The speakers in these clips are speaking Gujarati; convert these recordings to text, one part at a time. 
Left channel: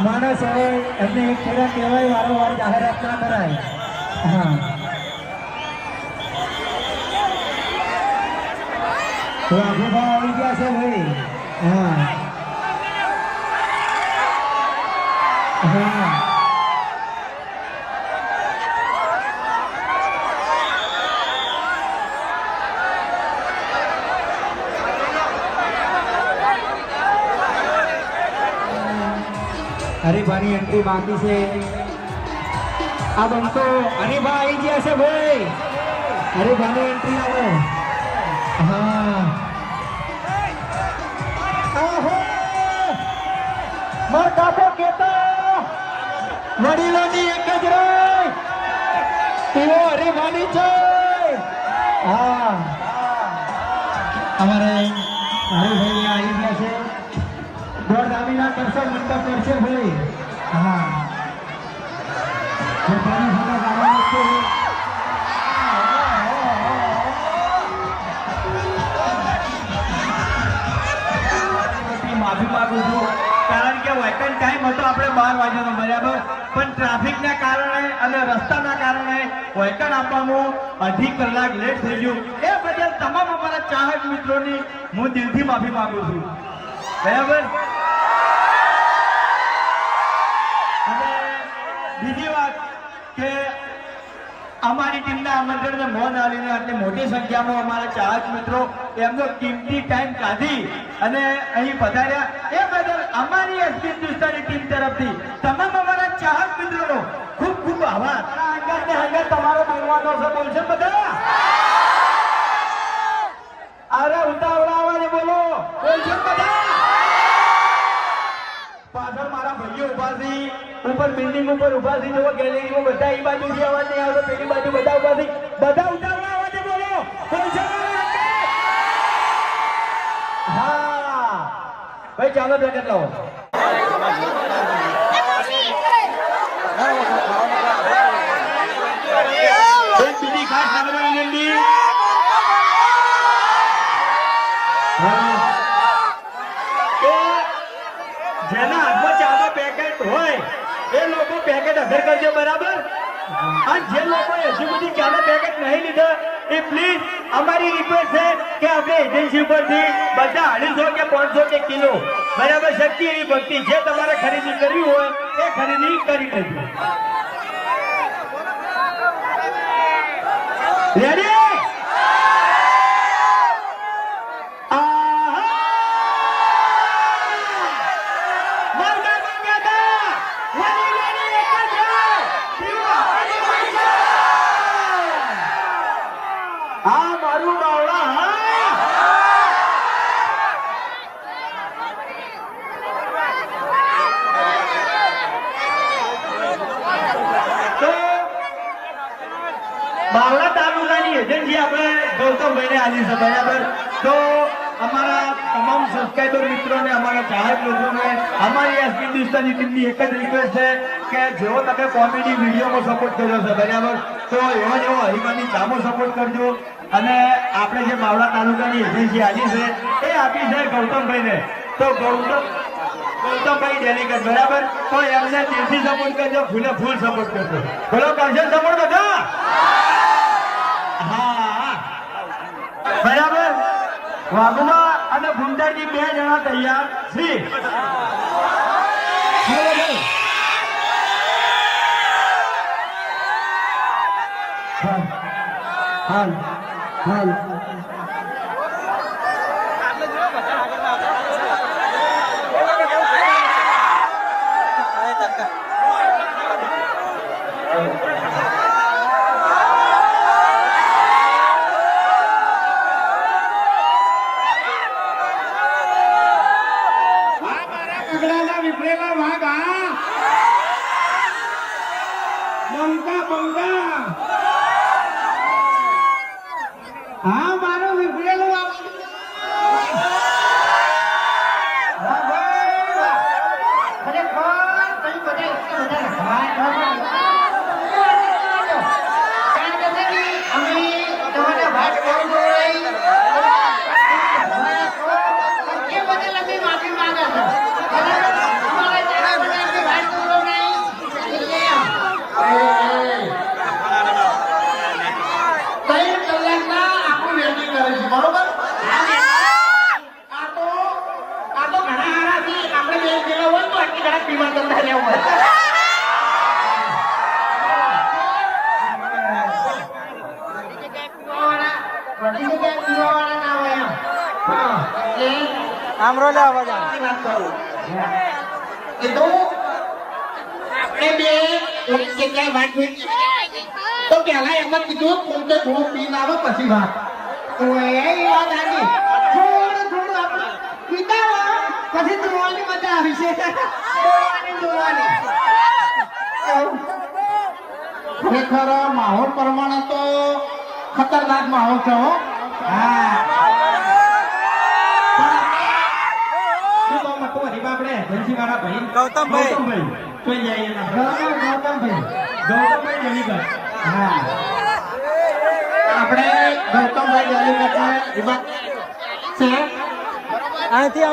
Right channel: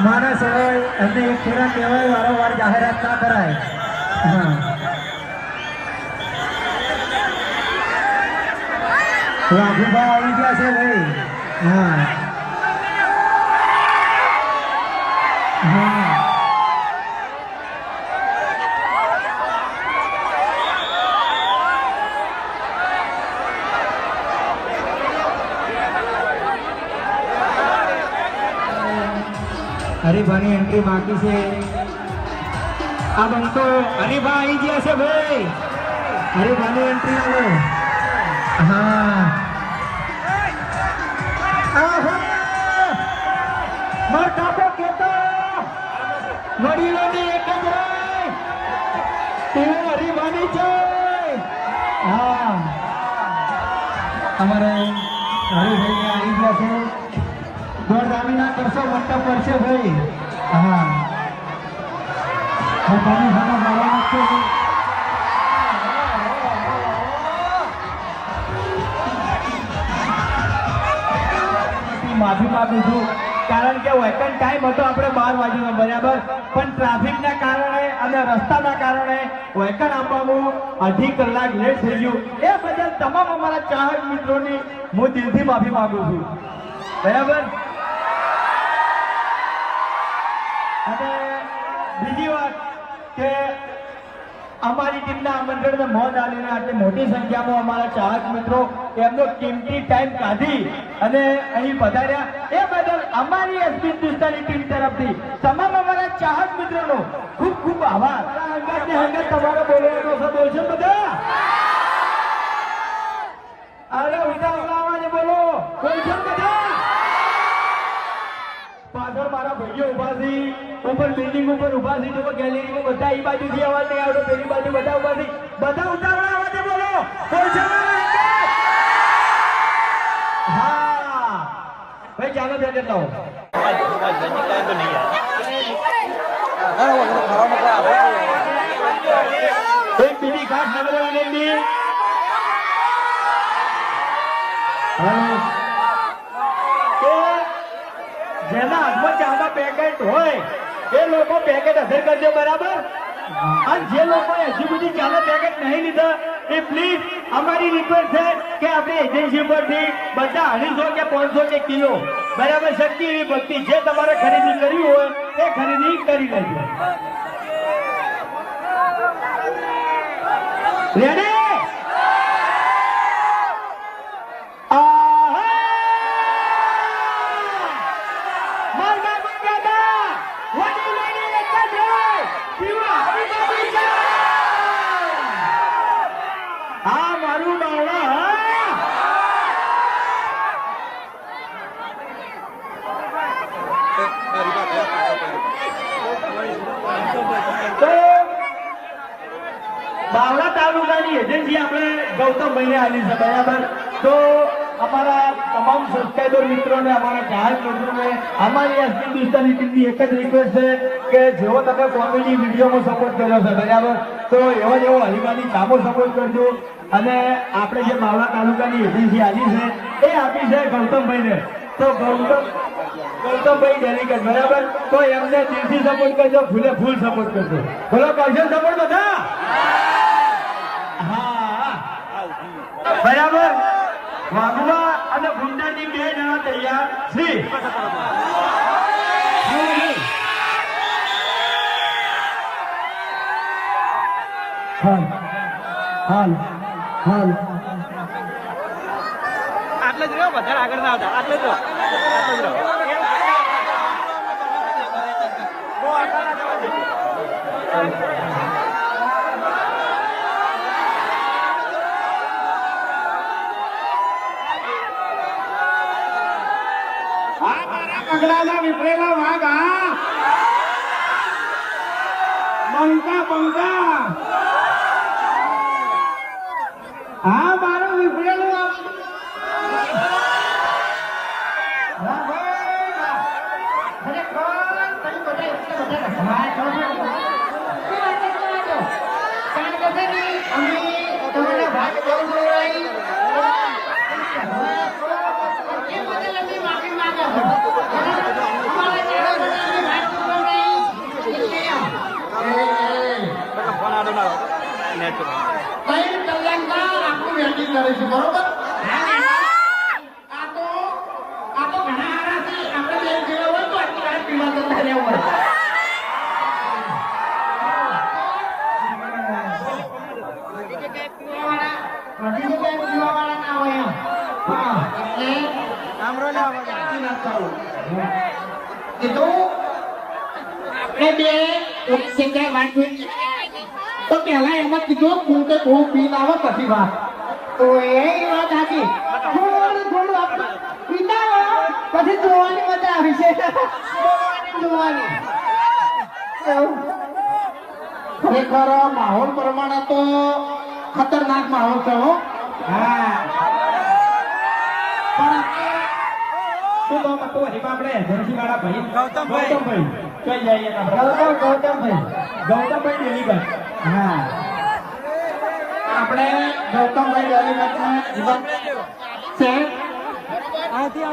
એના હવે એમને એક થોડા કહેવાય, વારંવાર જાહેરાત ના કરાય. હા. વાઘુભા આવી ગયા છે ભાઈ. હા. એન્ટ્રી બાકી છે. આ બંકર હરીફા આવી ગયા છે ભાઈ. હરીફાની એન્ટ્રી આવો. હા! માર કાકો કેતા એક તીઓ હરીફાની છે. હા. અમારે હરીભાઈ આવી ગયા છે. દોઢ રામીના કરશો મંડપ પર ભાઈ. હા હું સાથે ગાવાનો છું માફી માગું છું. કારણ કે વેકન ટાઈમ હતો આપણે બાર વાગ્યાનો બરાબર પણ ટ્રાફિકના કારણે અને રસ્તાના કારણે વેકન આપવાનું અઢી કલાક લેટ થઈ ગયું એ બદલ તમામ અમારા ચાહક મિત્રોની હું દિલથી માફી માગું છું બરાબર કે અમારી ટીમના આમંત્રણને મન આવીને આજે મોટી સંખ્યામાં અમારા ચાહક મિત્રો એમનો કિંમતી ટાઈમ કાઢી અને અહીં પધાર્યા. એ બદલ અમારી હિન્દુસ્તાની ટીમ તરફથી તમામ અમારા ચાહક મિત્રોનો ખૂબ ખૂબ આભાર. હંગાત ને હંગાત તમારે બોલવાનો છે બોલશે બધા અરે ઉતાવળા અવાજે બોલો. બોલશે બધા? પાછળ મારા ભાઈઓ ઊભા છે. ઉપર બિલ્ડિંગ ઉપર ઊભા છે જો ગેલેરીમાં બધા એ બાજુથી અવાજ નહીં આવતો, પેલી બાજુ બધા ઊભા છે દાદા ઉતાવળા અવાજે બોલો. હા. ભાઈ, ચાલો બેઠક લાવો એક બીજી ખાસ નમ્ર વિનંતી હા. કે જેના હાથમાં ચાના પેકેટ હોય એ કે આપણે એજન્સી ઉપરથી બધા અઢીસો કે પાંચસો કે કિલો, બરાબર શક્તિ એવી જે તમારે ખરીદી કરવી હોય, એ ખરીદી કરી લેજો. રેડી મરગા મંગાતા વડી વડી એક જ હોય પીવા પીવા છે આ મારું બાવળા હા તો બાવળા તાલુકાની એજન્સી આપણે ગૌતમભાઈને આલી છે, બરાબર? તો અમારા તમામ સબસ્ક્રાઈબર મિત્રોને, અમારા ચાહક મિત્રોને, અમારી એસ હિન્દુસ્તાની ટીમની એક જ રિક્વેસ્ટ છે કે જેવો તમે કોમેડી વિડીયોમાં સપોર્ટ કર્યો છે, બરાબર? તો એવો જ એવો હરિમાની કામો સપોર્ટ કરજો. અને આપણે જે માવડા તાલુકાની એજન્સી આજી છે, એ આપી છે ગૌતમભાઈને તો ગૌતમ ગૌતમભાઈ ડેલિગેટ બરાબર? તો એમને દિલથી સપોર્ટ કરજો, ફૂલે ફૂલ સપોર્ટ કરજો. બોલો કરશે સપોર્ટ બધા હા બરાબર વાઘુબા અને ગુંડાની બે જણા તૈયાર શ્રી હાલ હાલ આ મારા પગલાના વિફરેલા વાઘ આ બંકા બંકા હા મારો વિફરેલો વાઘ એ બદલ અમે માફી માંગીએ છીએ. કરીશું બરોબર આ તો આ તો ઘણા આરાથી આપણે બે જેવા હોય તો આટલી ઘણા પીવા કરવા રહ્યા હોય બધી જગ્યાએ પીવાવાળા ના હોય એમ. હા, એટલે સાચી વાત કરું. કીધું કે થોડું પી લાવો પછી વાત તો એ વાત સાચી થોડું થોડું પછી જોવાની મજા આવી છે માહોલ પ્રમાણે તો ખતરનાક માહોલ છે હો હરીફા આપણે ભાઈ ગૌતમભાઈ. ગૌતમભાઈ છે અહીંથી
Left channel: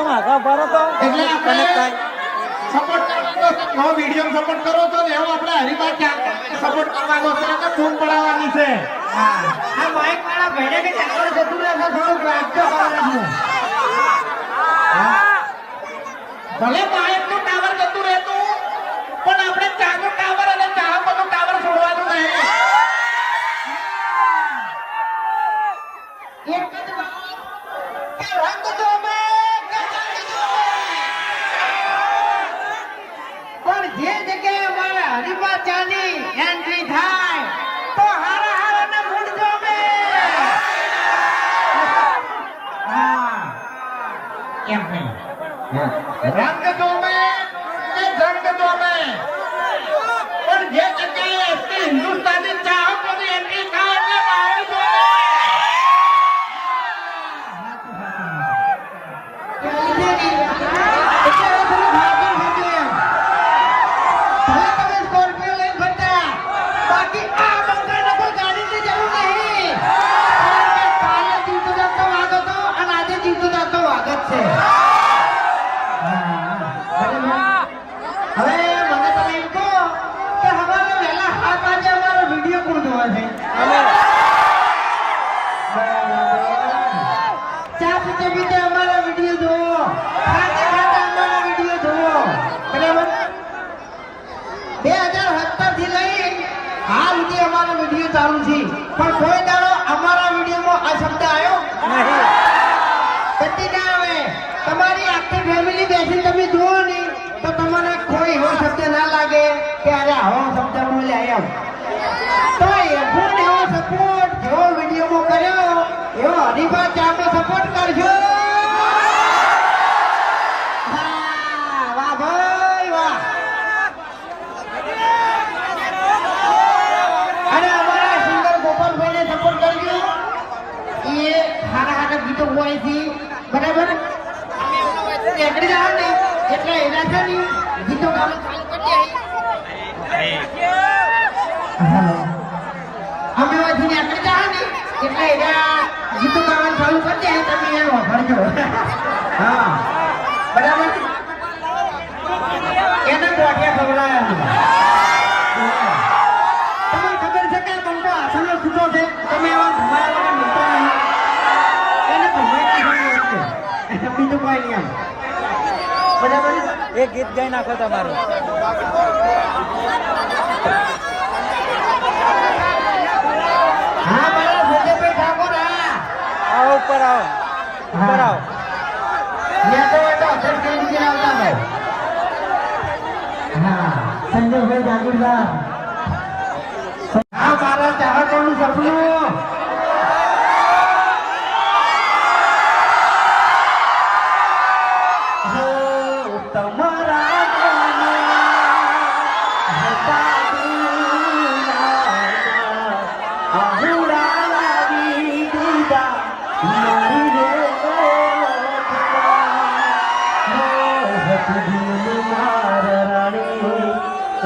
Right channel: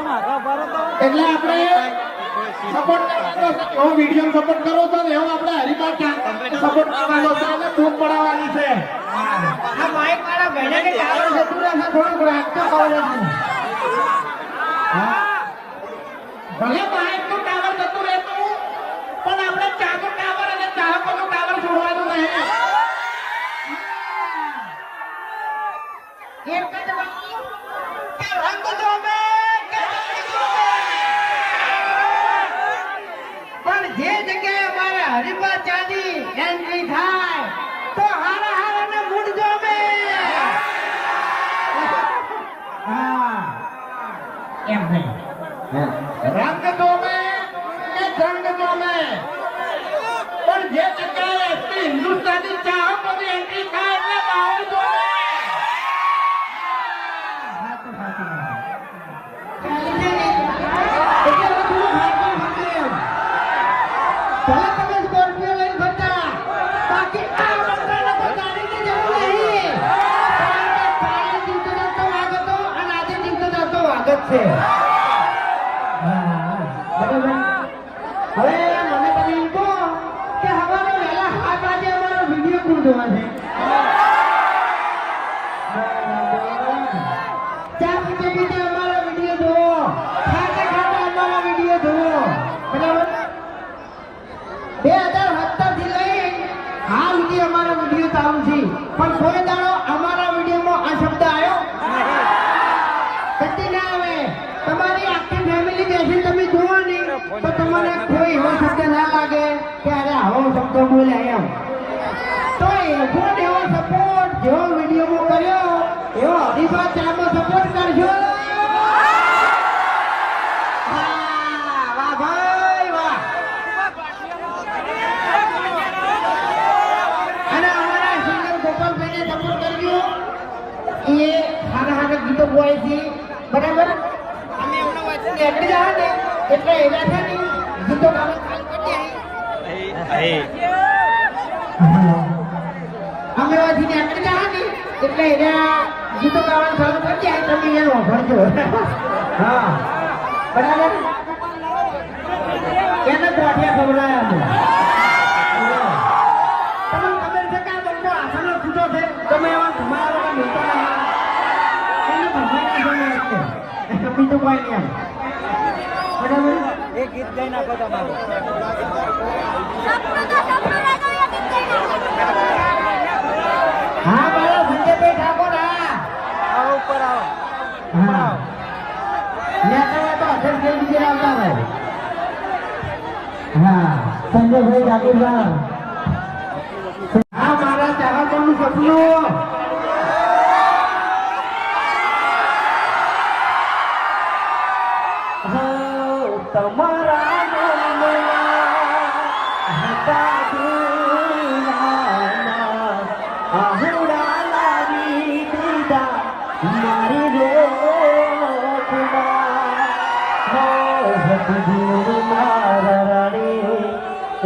તો આપણે સપોર્ટ કરવાનો મીડિયમ સપોર્ટ કરો તો એવો આપણે હરીફા સપોર્ટ કરવાનો છે છે આ બાઈક વાળા ભાઈને કે જતું રહેશે થોડુંક રાખજો હા ભલે બાઈકનું ટાવર જતું રહેતું પણ આપણે ચાનું ટાવર સુધી અમારો વીડિયો ચાલુ છે. પણ કોઈ દાડો અમારા વિડીયોમાં આ શબ્દ આવ્યો? કદી ના આવે. તમારી આખી ફેમિલી બેસીને તમે જુઓ ને, તો તમને કોઈ એવો શબ્દ ના લાગે કે અરે આવો શબ્દ બોલ્યા એમ. તો એવો ને એવો સપોર્ટ જેવો વિડીયોમાં કર્યો, એવો હરીફા ચામાં સપોર્ટ કરજો વાહ, વાહ ભાઈ વાહ અને અમારા સિંગર ગોપાલભાઈને સપોર્ટ કરજો એ સારા છે બરાબર? અમે એમનો વચ્ચે નીકળી જાવ ને. એટલે એનાથી ને ગીતો ગાવાનું ચાલુ કરી અમે વચ્ચે નીકળી જાવ ને. એટલે એના ગીતો ગાવાનું ચાલુ કરી દે તમે એ વગાડજો હા. બરાબર એને ગોઠિયા ખવડાવ્યા છે તમને ખબર છે કે આ બંકો આસનો છૂટો છે તમે એવા ઘુમાયા વગર મિલતા નહીં એને ભમાઈ ના જાય બીજું કોઈ નહીં બરાબર એ ગીત ગાઈ નાખો તમારું. હા મારા સંજયભાઈ ઠાકોર હા આવો ઉપર આવો. હા. મેં તો વાતો અધ્યક્ષ થઈ દીધી હા સંજયભાઈ જાગીરદાર. હા મારા ચાહકોનું સપનું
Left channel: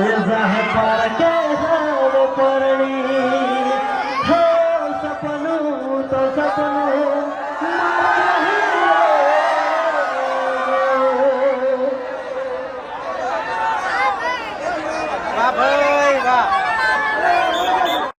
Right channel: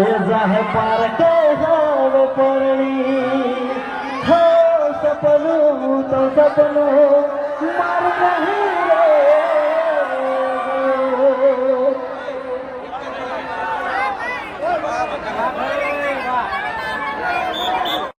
Exarrepassando.